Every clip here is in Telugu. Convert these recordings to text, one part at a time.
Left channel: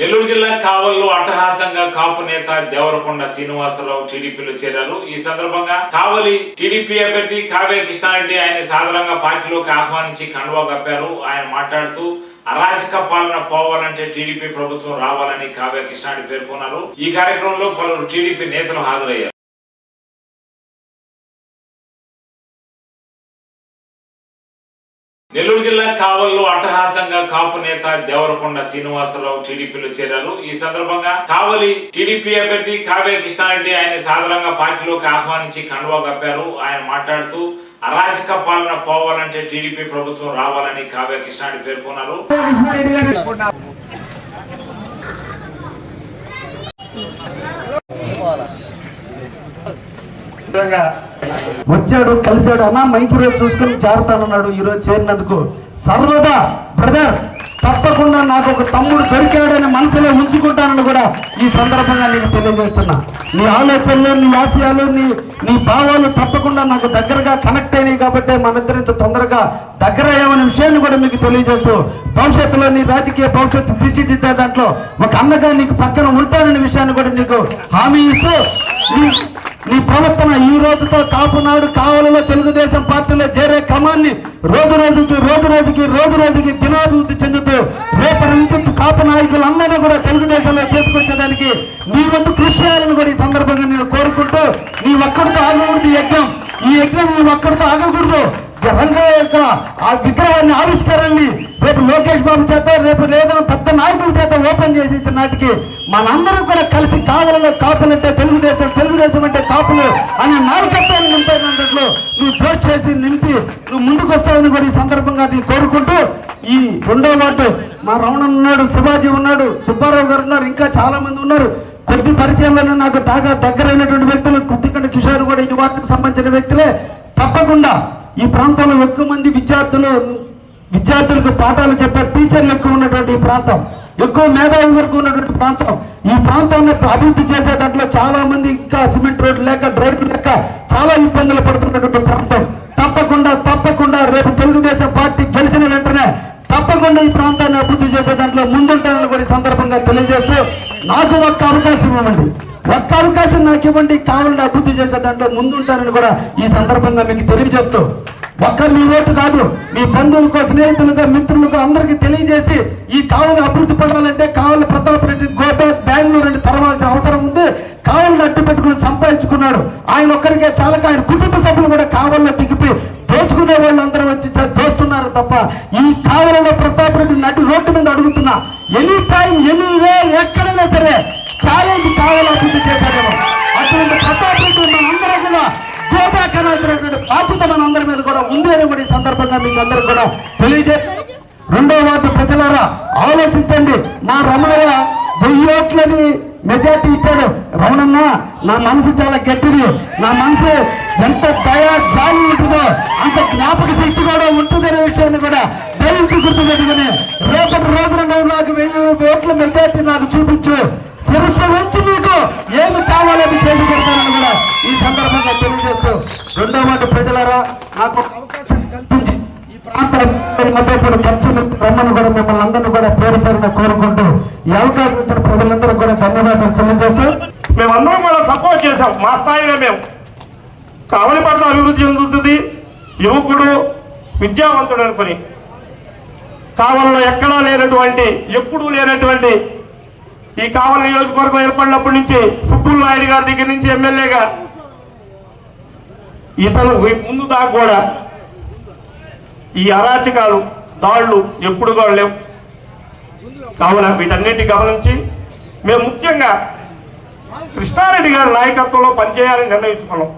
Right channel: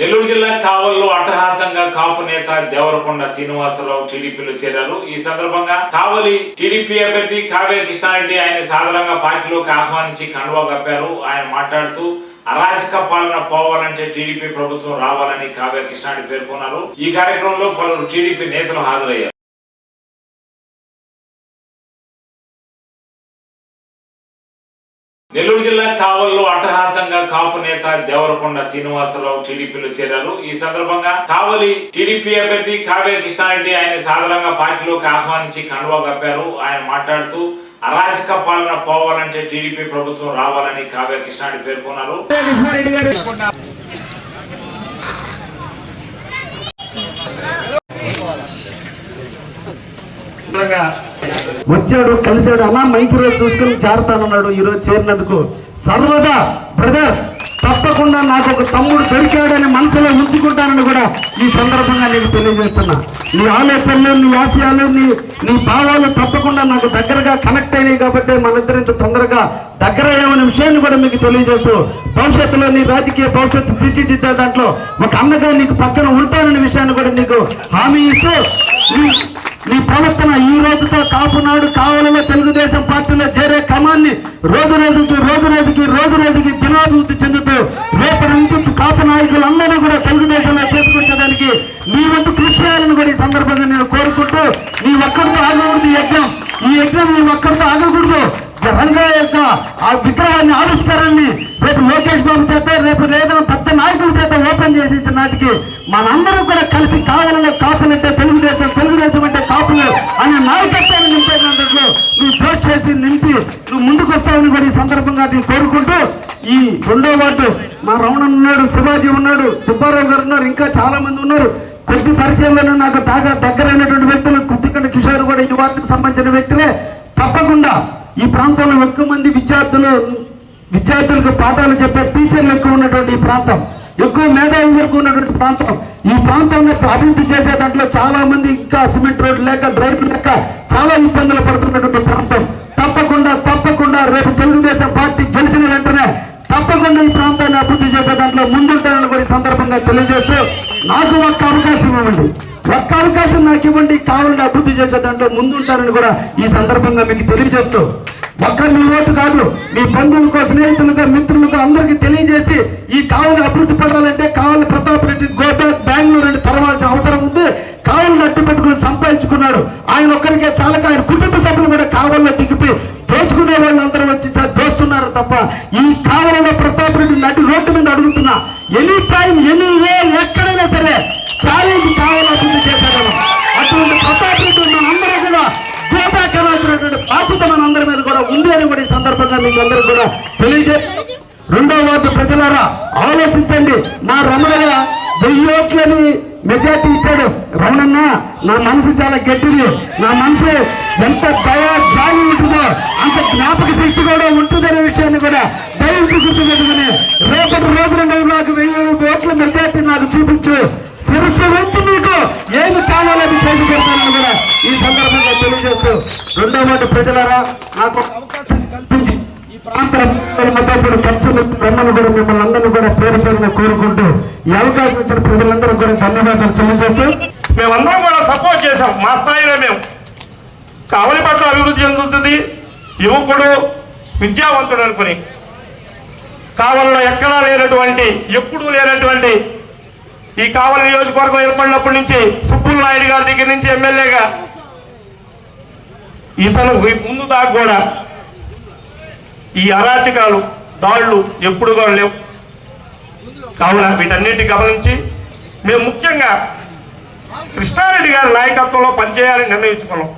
నెల్లూరు జిల్లా కావల్లో అట్టహాసంగా కాపు నేత దేవరకొండ శ్రీనివాసరావు టీడీపీలో చేరారు. ఈ సందర్భంగా కావలి టీడీపీ అభ్యర్థి కావ్య కృష్ణారెడ్డి ఆయన సాధారణంగా పార్టీలోకి ఆహ్వానించి కండువా కప్పారు. ఆయన మాట్లాడుతూ అరాచక పాలన పోవాలంటే టీడీపీ ప్రభుత్వం రావాలని కావ్య కృష్ణారెడ్డి పేర్కొన్నారు. ఈ కార్యక్రమంలో పలువురు టీడీపీ నేతలు హాజరయ్యారు. నెల్లూరు జిల్లా కావల్లో అట్టహాసంగా కాపు నేత దేవరకొండ శ్రీనివాసరావు టీడీపీలో చేరారు. ఈ సందర్భంగా కావలి టీడీపీ అభ్యర్థి కావ్య కృష్ణారెడ్డి ఆయన సాధారణంగా పార్టీలోకి ఆహ్వానించి కండువా కప్పారు. ఆయన మాట్లాడుతూ అరాచక పాలన పోవాలంటే టీడీపీ ప్రభుత్వం రావాలని కావ్య కృష్ణారెడ్డి పేర్కొన్నారు. వచ్చాడు కలిశాడు. అన్న మంచి రోజు చూసుకుని జారుతానన్నాడు ఈ రోజు చేరినందుకు. సర్వదా బ్రదర్ తప్పకుండా నాకు ఒక తమ్ముడు దొరికాడని మనసులో ఉంచుకుంటానని కూడా ఈ సందర్భంగా నీకు తెలియజేస్తున్నా. నీ ఆలోచనలు నీ ఆశయాలు నీ నీ భావాలు తప్పకుండా నాకు దగ్గరగా కనెక్ట్ అయినాయి కాబట్టి మనిద్దరు తొందరగా దగ్గర అయ్యామనే విషయాన్ని కూడా మీకు తెలియజేస్తూ భవిష్యత్తులో నీ రాజకీయ భవిష్యత్తు తీర్చిదిద్దే దాంట్లో ఒక అన్నగా నీకు పక్కన విగ్రహం యజ్ఞం ఆగకూడదు రంగా యొక్క ఆ విగ్రహాన్ని ఆవిష్కరణని రేపు లోకేష్ బాబు చేత రేపు లేదా పెద్ద నాయకుల చేత ఓపెన్ చేసి నాటికి మనందరం కూడా కలిసి కావాలలో కాపులంటే తెలుగుదేశం తెలుగుదేశం అంటే కాపులు అనే నాయకత్వాన్ని నింపేటట్లు నువ్వు చోటు చేసి నింపి నువ్వు ముందుకు వస్తావని కూడా ఈ సందర్భంగా నేను కోరుకుంటూ ఈ రెండో వార్డు మా రమణ ఉన్నాడు శివాజీ ఉన్నాడు సుబ్బారావు గారు ఉన్నారు ఇంకా చాలా మంది ఉన్నారు. కొద్ది పరిచయంలో నాకు బాగా దగ్గరైనటువంటి వ్యక్తులు కొద్దికంట కిషోర్ కూడా ఈ వార్డుకు సంబంధించిన వ్యక్తులే. తప్పకుండా ఈ ప్రాంతంలో ఎక్కువ మంది విద్యార్థులు విద్యార్థులకు పాఠాలు చెప్పే టీచర్లు ఎక్కువ ఉన్నటువంటి ఈ ప్రాంతం. ఎక్కువ మేధావి వరకు ఉన్నటువంటి ప్రాంతం. ఈ ప్రాంతంలో అభివృద్ధి చేసే దాంట్లో చాలా మంది ఇంకా సిమెంట్ రోడ్డు లేక డ్రైవ్ లేక చాలా ఇబ్బందులు పడుతున్నటువంటి ప్రాంతం. తప్పకుండా తప్పకుండా రేపు తెలుగుదేశం పార్టీ గెలిచిన వెంటనే తప్పకుండా ఈ ప్రాంతాన్ని అభివృద్ధి చేసే దాంట్లో ముందుంటానని సందర్భంగా తెలియజేస్తూ నాకు ఒక్క అవకాశం ఇవ్వండి. ఒక్క అవకాశం నాకు ఇవ్వండి. కావాలని అభివృద్ధి చేసే దాంట్లో ముందుంటారని కూడా ఈ సందర్భంగా మీకు తెలియజేస్తూ ఒక్క మీ ఓటు కాదు మీ బంధువులకు స్నేహితులకు మిత్రులకు అందరికీ తెలియజేసి ఈ కావలి అభివృద్ధి పడాలంటే కావలి ప్రతాప్ రెడ్డి గోబ్యాక్ బెంగళూరు అని తెరవాల్సిన అవసరం ఉంది. కావలిని అడ్డు పెట్టుకుని సంపాదించుకున్నాడు. ఆయన ఒక్కడికే చాలక ఆయన కుటుంబ సభ్యులు కూడా కావలిలో దిగిపి దోచుకునే వాళ్ళందరూ వచ్చి దోస్తున్నారు తప్ప ఈ కావలిలో ప్రతాప్ రెడ్డి నటి రోడ్డు మీద అడుగుతున్నా ఎనీ టైం ఎనీ వే ఎక్కడ సరే ఛాలెంజ్ అభివృద్ధి అటువంటి ప్రతాప్ రెడ్డి కూడా బాధ్యత మనందరి మీద కూడా ఉంది అని కూడా ఈ సందర్భంగా మీకు అందరూ కూడా రెండో వార్డు ప్రజలారా ఆలోచించండి. నా రమణయ్య వెయ్యి ఓట్లని మెజార్టీ ఇచ్చాడు రమణన్న నా మనసు చాలా గట్టిది నా మనసు ఎంత దయా ఉంటుందో అంత జ్ఞాపక శక్తి కూడా ఉంటుందనే విషయాన్ని కూడా దయించి గుర్తుపెట్టుకుని రేపటి రోజున నాకు వెయ్యి ఓట్ల మెజార్టీ నాకు చూపించు వచ్చి మీకు ఏమి కావాలో అది చేసి చెప్తానని కూడా ఈ సందర్భంగా తెలియజేస్తూ రెండో వాటి ప్రజలారా నాకు అవకాశం కల్పించి ఈ ప్రాంతాలు ఖర్చు ఇప్పుడు రమ్మని కూడా మిమ్మల్ని అందరినీ కూడా పేరు పేరున కోరుకుంటూ ఈ అవకాశం ఇచ్చిన ప్రజలందరూ కూడా ధన్యవాదాలు తెలియజేస్తూ మేమందరం కూడా సపోర్ట్ చేశాం. మా స్థాయిలో మేము. కావలి పట్ల అభివృద్ధి చెందుతుంది. యువకుడు విద్యావంతుడు అనుకుని. కావలిలో ఎక్కడా లేనటువంటి ఎప్పుడూ లేనటువంటి ఈ కావలి నియోజకవర్గం ఏర్పడినప్పటి నుంచి సుబ్బుల్ నాయుడు గారి దగ్గర నుంచి ఎమ్మెల్యేగా ఇతను ముందు దాకా కూడా ఈ అరాచకాలు దాడులు ఎప్పుడు కూడా లేవు. కావున వీటన్నిటి గమనించి మేము ముఖ్యంగా కృష్ణారెడ్డి గారి నాయకత్వంలో పనిచేయాలని నిర్ణయించుకున్నాం.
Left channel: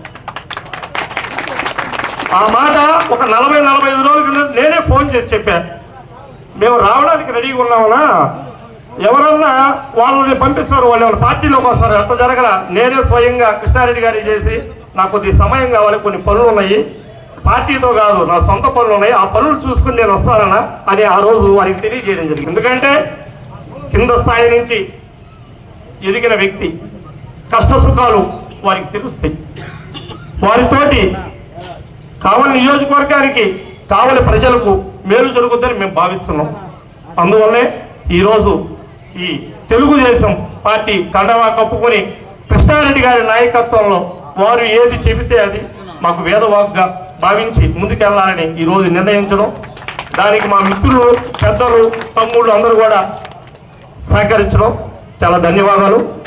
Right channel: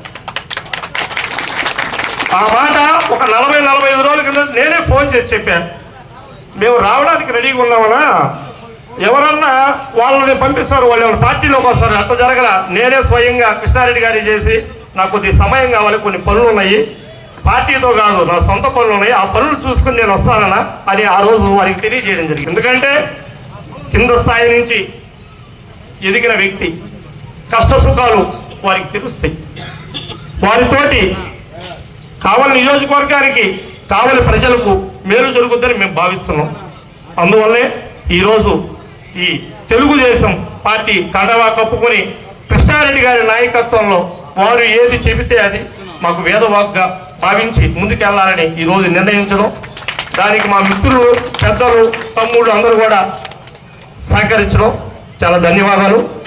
ఆ మాట ఒక నలభై నలభై ఐదు రోజుల కింద నేనే ఫోన్ చేసి చెప్పాను. మేము రావడానికి రెడీగా ఉన్నామన్నా ఎవరన్నా వాళ్ళని పంపిస్తారు వాళ్ళు వాళ్ళ పార్టీలోకి వస్తారు అంత జరగల. నేనే స్వయంగా కృష్ణారెడ్డి గారి చేసి నాకు కొద్ది సమయం కావాలి కొన్ని పనులు ఉన్నాయి. పార్టీతో కాదు నా సొంత పనులు ఉన్నాయి. ఆ పనులు చూసుకుని నేను వస్తానన్నా అని ఆ రోజు వారికి తెలియజేయడం జరిగింది. ఎందుకంటే కింద స్థాయి నుంచి ఎదిగిన వ్యక్తి కష్ట సుఖాలు వారికి తెలుస్తాయి. వారితోటి కావలి నియోజకవర్గానికి కావలి ప్రజలకు మేలు జరుగుతుందని మేము భావిస్తున్నాం. అందువల్లే ఈరోజు ఈ తెలుగుదేశం పార్టీ కండవా కప్పుకొని కృష్ణారెడ్డి గారి నాయకత్వంలో వారు ఏది చెబితే అది మాకు వేదవాగ్గా భావించి ముందుకెళ్ళాలని ఈ రోజు నిర్ణయించడం. దానికి మా మిత్రులు పెద్దలు తమ్ముళ్ళు అందరూ కూడా సహకరించడం. చాలా ధన్యవాదాలు.